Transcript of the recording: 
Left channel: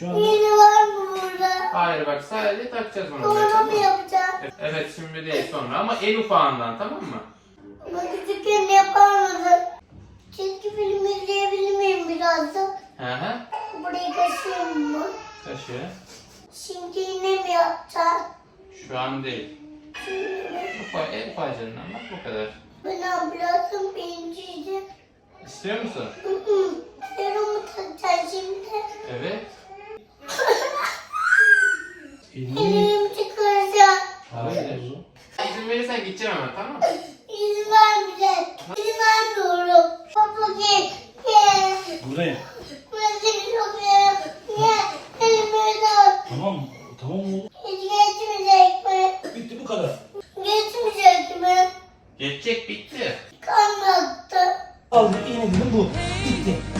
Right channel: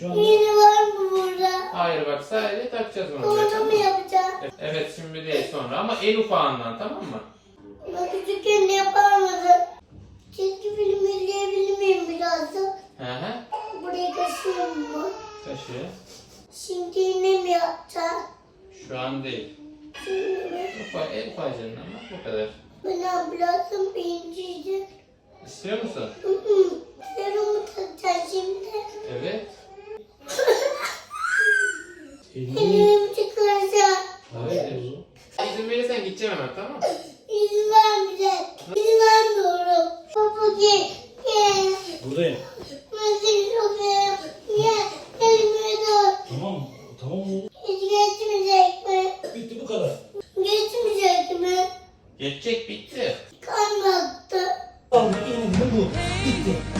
Şu anda Yeni var mı burada? Hayır bak sadece takacağız buraya, Sonra tamam mı mı? yapacağım? Evet şimdi değil sonra ama en ufağından tamam mı? Ama küçükken yapar mısın? Çizgi film izleyebilir miyim biraz da? Hı hı. Burayı taşıyayım mı? Taşı. Şimdi yine mi yapacağım? Şu an değil. Ufa, en ufacığından bak bu kadar. Ben ablasım birinciydi. İstiyor musun? Hı hı. Elini... Elim. Hayır. İzin verirsen gideceğim hemen tamam mı? İzin vermeyecek. İzin vermiyorum. Baba gel. Gel. Buradayım. Ben seni çok seviyorum. Gel. Elimi. Tamam Tamam mı? Geçmeyecek mi? Bitti bu kadar. Geçmeyecek mi? Geçecek bitti. Kalmadı. Al yine bu. Bitti.